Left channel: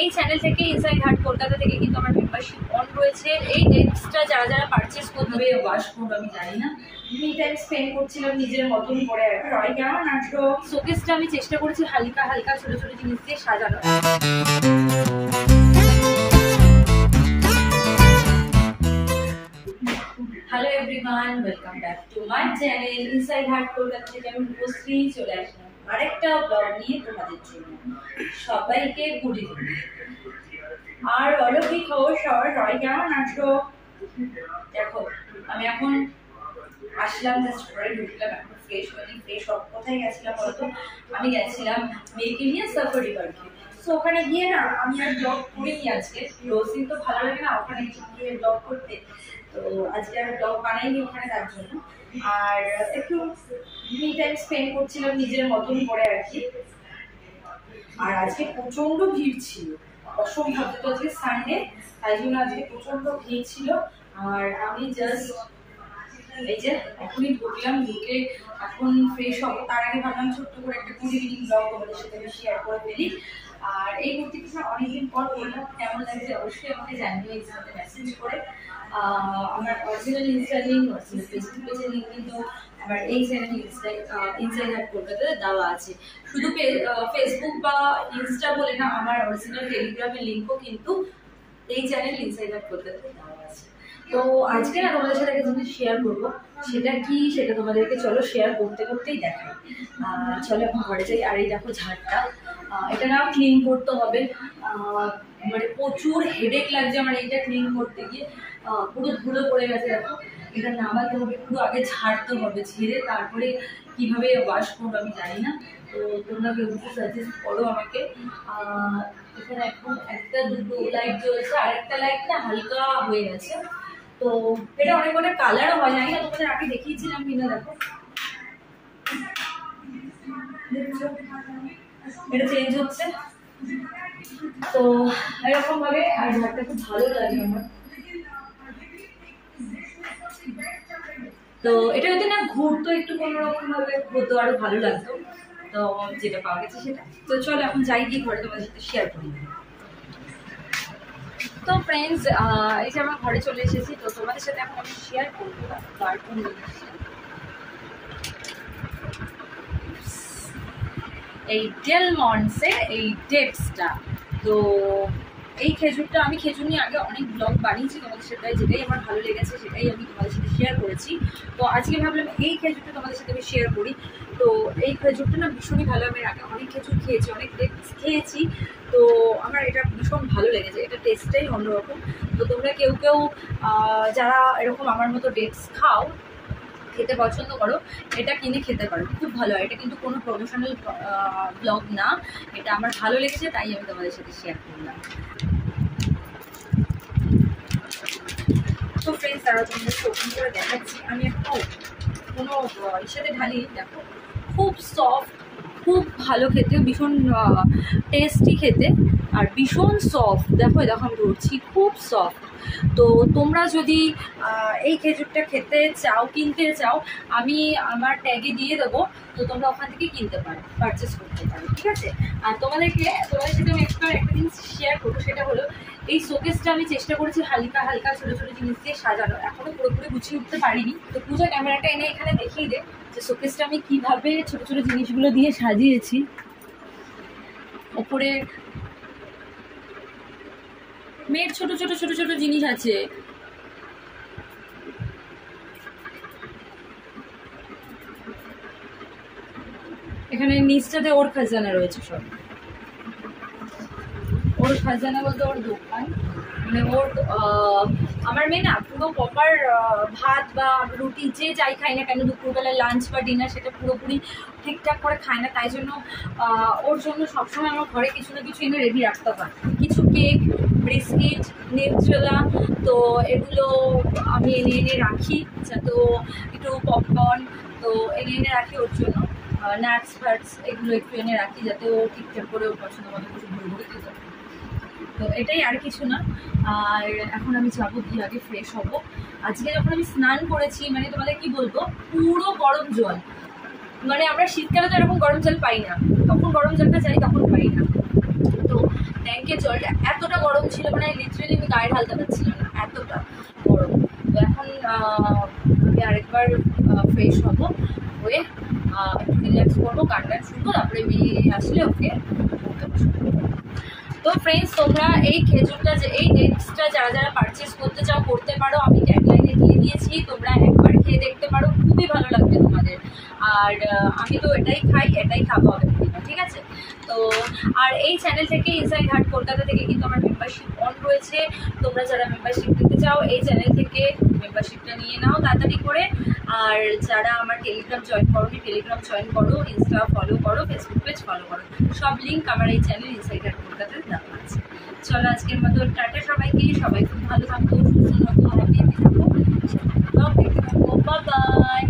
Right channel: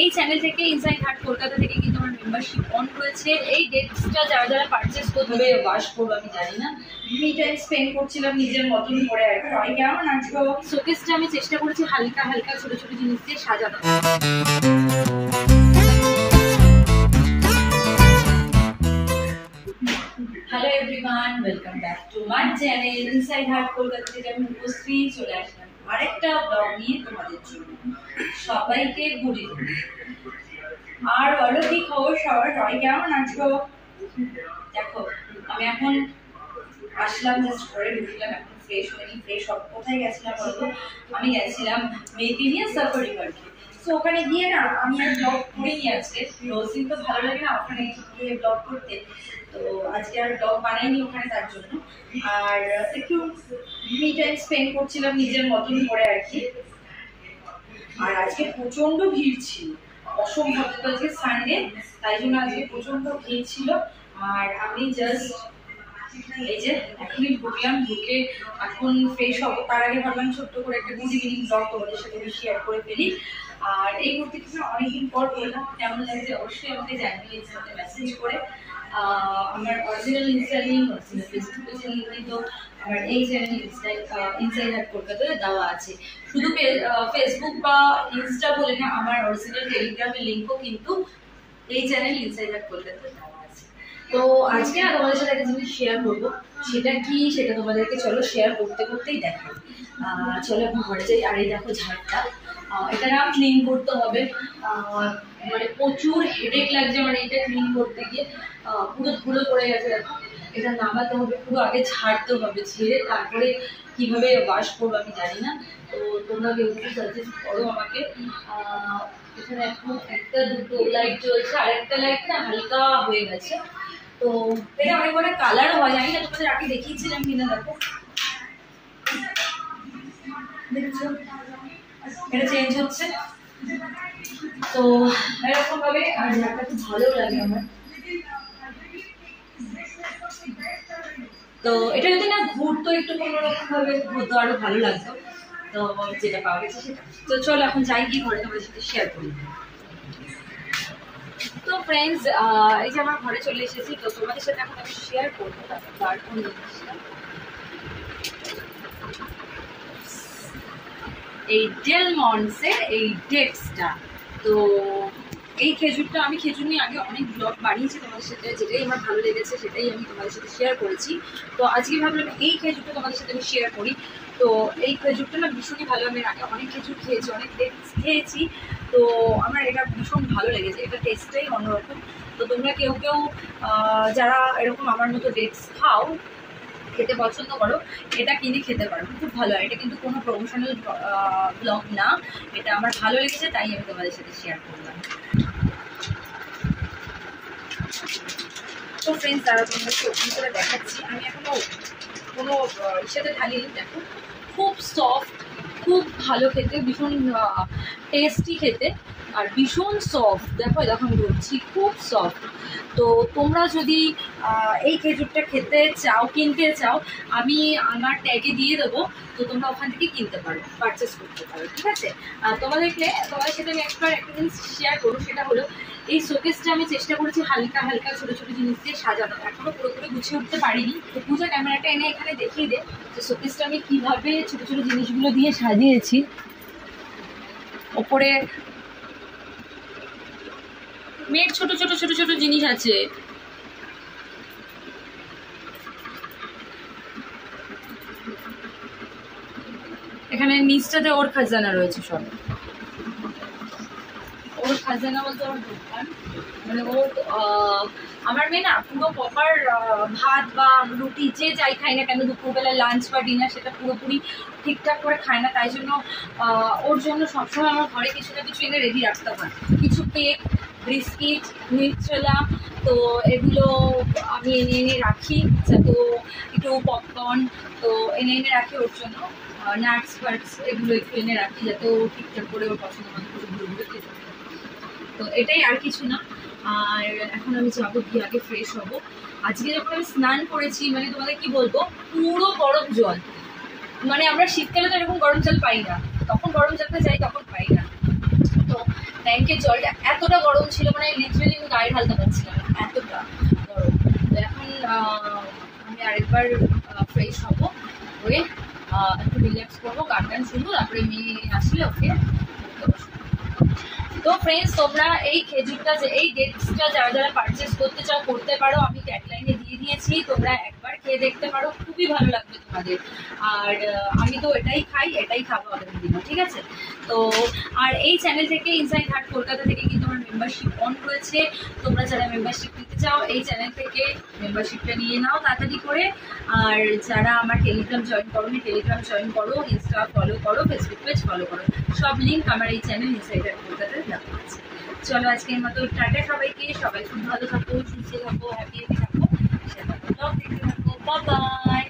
এই চ্যানেল থেকে inside heart Kolkata থেকে কিন্তু আমার মেম্বারশিপ অন রয়েছে। এই ডেটসটা যারা যারা পারচেস করবে ওয়াশ করবো আমি জানি না, মি টাইম স্পেন্ড করছিলাম নিজের মতন করে। আর কেমন আসবো শোকেসটা আমি চেষ্টা করেছি হালকা হালকা ছোট ছোট জিনিস দিয়ে সাজানো। Hello everyone, welcome back to my channel inside heart Kolkata থেকে আমি উপস্থিত চলে আসলাম আরেকটা ব্লগ নিয়ে তোমাদের জন্য। সবাইকে গুড ইভিনিং। আর বলো কি খবর সবাই কেমন আছো? দেখো আমি এখন আসলাম, জাস্ট ঘরে ঢুকলাম, এখন ফ্রেশ হয়নি। ফ্রেশ হব কোথায় গেছিলাম বলতো? আমি গেছিলাম মেয়েকে নিয়ে সাফারি পার্কে। তো ওখানে গিয়ে না আমি আর ব্লগ করিনি আজকে, রোজ দিন তো ভালো লাগে না ওখানে গিয়ে ব্লগ করতে, তো আজকে আর ব্লগ বানাইনি ওখানে তার জন্য। আর একটু মি টাইম স্পেন্ড করছিলাম নিজের মতন করে আর কি। আর আজকে প্রচন্ড ভিড় ছিল, অসম্ভব। তো আজকে সানডে, তাই জন্য আজকে প্রচন্ড ভিড় ছিল। আর আমি জাস্ট এই যে এখনই ঢুকলাম, ঢুকে এখন ফ্রেশ হবো। তার আগে ভাবলাম ছোট্ট করে একটা গুড ইভিনিং ব্লগ তোমাদের সাথে আমি শেয়ার করে ফেলি। আর এই কুর্তিটা অনেকদিন পর করলাম, কেমন লাগছে অবশ্যই আমাকে জানিও ইনস্টাতে মেসেজ করে। আমার original Insta link, original Facebook পেজের লিঙ্ক কিন্তু আমার এই চ্যানেল ইনসাইড হার্ট কলকাতাতে দেওয়া আছে। শুধু ফেসবুক বা ইনস্টা বলে না, আমার অরিজিনাল টেলিগ্রামের লিঙ্কও কিন্তু এই চ্যানেল ইনসাইড হার্ট কলকাতাতে দেওয়া আছে। তো আজকে না তোমাদের সাথে একটা জিনিস শেয়ার করবো, সেটা কি সেটা তোমাদেরকে চলো শেয়ার করতে করতেই দেখাই। চলো এখন ঘরে যাই। আর এই দেখো ঝাড়টা, এটা না ক্লিন করতে হবে, মানে প্রচুর হেডেক লাগছে আমার এইটা ক্লিন করতে গিয়ে। পুরো ধুলো পড়ে গেছে দেখো, এটা নামাতে হবে, পুরো আগে ঝাড়তে হবে, ঝেড়ে তারপরে কিভাবে ওয়াশ করবো আমি জানি না। তো তোমরা কেউ একটু সাজেস্ট করো আমাকে। এখানে এখন একটা দুটো লাইট জ্বলছে, আর একটা লাইট না হালকা হয়ে গেছে। তো এটা অনেক অনেক কালারও হয়, জানি না তোমাদের আগে দেখিয়েছিলাম কিনা। দেখো দেখছো এটা চেঞ্জ হচ্ছে, তো এরকম ভাবে। আর ঝাড়টা খুব ভালো লাগে আমার। তো এটা যদি না ঘুরতো, একটু কোনোরকম ভাবে ঘুরতো আরো ভালো লাগতো। তো যেটা পাওয়া গেছে সেটা। তো চলো এখন যাই, কি ঘরে তোমাদের সাথে শেয়ার করি। তো ফ্রেন্ডস, এই যে আমার ঘরে চলে এসেছি, তো তোমাদের সাথে এখন আমি শেয়ার করবো তার কোন জিনিসটা। এই ডেল মন্টসের এই ডেটসটা। তো এই খেজুরটা, আমি খেজুর নিয়ে আগে অনেক ব্লগ বানিয়েছি তোমাদের সাথে, যেটাই আমার ভালো লেগেছে সেটাই আমি তোমাদের সাথে শেয়ার করেছি। তো আজকে ভাবলাম এই খেজুরটা তোমাদের সাথে আমি শেয়ার করি। তো এই খেজুরটা না ভীষণই ভালো, আমি আগে অনেক খেজুর খেয়েছি, অনেক ডেটস খেয়েছি, তো আমার এটা ভীষণ ভালো লেগেছে, এটা টেস্টটাই অন্যরকম। তো তোমরা কেউ কেউ যারা এরকম আমার মতো ডেটস খাও, খেতে পছন্দ করো, এটা কিনে খেতে পারো, খুব ভালো। এটা কিন্তু কোনো প্রমোশনাল ব্লগ না, এটা আমার ভালো লেগেছে তাই আমি তোমাদের সাথে শেয়ার করলাম। তো ফ্রেন্ডস, তারা তোমাদেরকে ওপেন করে দেখাচ্ছি। আমি এখনো কোনো ইসেতে ঢালিনি। দেখো খুব সফট, খুব ভালো খেতে, ভীষণ টেস্টি খেতে, আর ভীষণ সফট। দেখো দেখো আমি ধরছি, খুব সফট। তো তোমরা যদি এই খেজুরটা খেতে চাও, কিনতে চাও, আমি আমার ট্যাগে দিয়ে দেবো, তো তোমরা ওখান থেকে কিনতে পারো, পারচেস করতে পারো, ঠিক আছে? আর তোমাদের সাথে আমি একটা জিনিস শেয়ার করবো, সেটা হলো এই শোকেসটা আমি চেষ্টা করেছি হালকা হালকা ছোট ছোট জিনিস দিয়ে সাজানো, এখনো পুরোপুরি গুছিয়ে উঠতে পারিনি। তো পূজা ক্যামেরাটা এনে এখানে দেখিয়ে দে যে শোকেসটা আমি কিভাবে ছোট ছোট জিনিসগুলো দিয়ে সাজিয়েছি। ওপরে মেয়ের ছোট ছোট ছোট ছোট জিনিস আছে, এখানে নিচটাতে ওর খাজানা রয়েছে, সব ওর খাজানা বলতে ওর দোকান, মানে ওর আমার মেয়ে না পুরো প্রপার ভাত বা রুটি যে যাই খাই না কেন, দুপুরবেলা লাঞ্চ বা ডিনার সেটা পুরোপুরি ঠিকঠাক করে খায় না, তাই জন্য ওর জন্য সবসময় আমার ঘরে কিছু না কিছু এনে রেডি রাখতে হয়। কিছু কেক, বিস্কিট, নিউট্রেলা, তো এগুলো আমি এনে রাখি, যাতে একটু পপকর্ন তো এনে রাখি ওর জন্য, নাটস ফাটস এগুলো একটু এনে রাখি, যাতে ও ঠিকঠাক করে ওর পছন্দ মতো কিছু ঘুরে ঘুরে খেতে পারে। তো এটাই আর কিছু না। আর এখন আমি যাবো, গিয়ে আগে ফ্রেশ হব। আজকে যখন আমি স্নান করেছি, মানে তোমাদের কি বলবো, পুরো গরম জল, মানে আমরা শীতকালে তো এরকম গরম জল পাই না, তখন গরম জলটা চাই, তখন পাই না। তো ট্যাঙ্কের জলটা এতটা গরম ছিল, মানে লিটারেলি আমি গায়ে ঢালতে পারছিলাম না, এতটা গরম। তো এখন আমি আরেকবার ফ্রেশ হবো, হয়ে একটু রিল্যাক্স করবো, গান টান শুনবো, তারপরে মেয়ে আসলে ওকে পড়তে বসবো। তো ফ্রেন্ডস, তোমরা এই খেজুরটা যে এই ডেটসটা যারা যারা পারচেস করতে চাও করতে পারো, আমি ট্যাগলাইনে দিয়ে দিয়েছি, তোমরা একবার খেয়ে দেখতে পারো, খুবই ভালো লাগবে তোমাদের। আর আমি তো এটাই খাই, এটাই খাবো আগের দিনও, ঠিক আছে? তো আর এই চ্যানেল থেকে, ইনসাইড হার্ট কলকাতা থেকে কিন্তু আমার মেম্বারশিপ অন রয়েছে। তোমরা যারা মেম্বারশিপ নিতে চাও এই চ্যানেল থেকে মেম্বারশিপটা নিয়ে নাও তাড়াতাড়ি করে। আর যারা আমার টেলিগ্রাম জয়েন করো, টেলিগ্রাম জয়েন করো, ইনস্টা ফলো করো, ফেসবুক পেজ ফলো করো, সব লিঙ্ক আমার এই চ্যানেল ইনসাইড হার্ট কলকাতাতে দেওয়া আছে। চলো আজকের মতো টাটা সবাইকে, সবাই খুব ভালো থাকো, সুস্থ থাকো, হ্যাপি থাকো, দেখতে থাকো, বাই বাই।